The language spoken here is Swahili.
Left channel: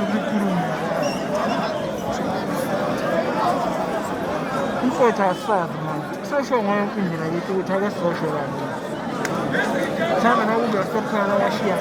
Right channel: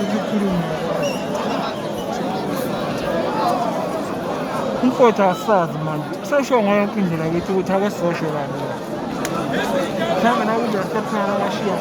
kukhuluma umfowethu asazi manje sesho ngayo yonke indlela yithi ukuthi ake sosho kabi mhlawumbe nokuba sephana washiya